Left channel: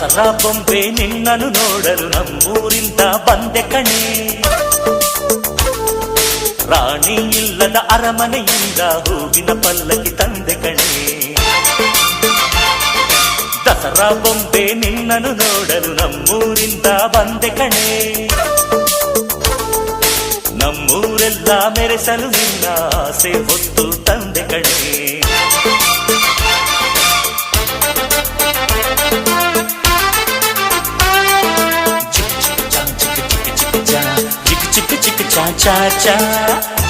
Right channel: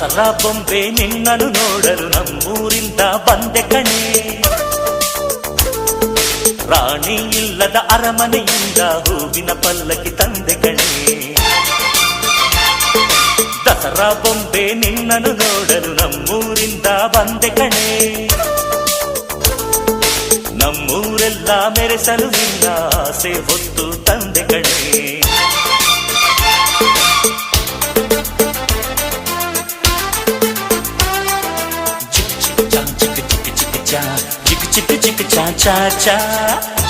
ದಸರಾ ಬೊಂಬೆ ನಿನ್ನನ್ನು ನೋಡಲು ನಮ್ಮೂರಿಂದ ಬಂದೆ ಕಣೆ. ರಾಣಿ ಇಲ್ಲದ ಅರಮನೆಯಿಂದ ಹೂವಿನ ಪಲ್ಲಕ್ಕಿ ತಂದೆ ಕಣೆ. ದಸರಾ ಬೊಂಬೆ ನಿನ್ನನ್ನು ನೋಡಲು ನಮ್ಮೂರಿಂದ ಬಂದೆ ಕಣೆ. ನಮ್ಮೂರೆಲ್ಲ ಮೆರೆಸಲು ನಿನ್ನ ಆಸೆ ಹೊತ್ತು ತಂದೆ ಕಣೆ. ಚಿಕ್ಕ ಚಿಕ್ಕ ಚಾ ಚಾ ಚಾ ಚಾ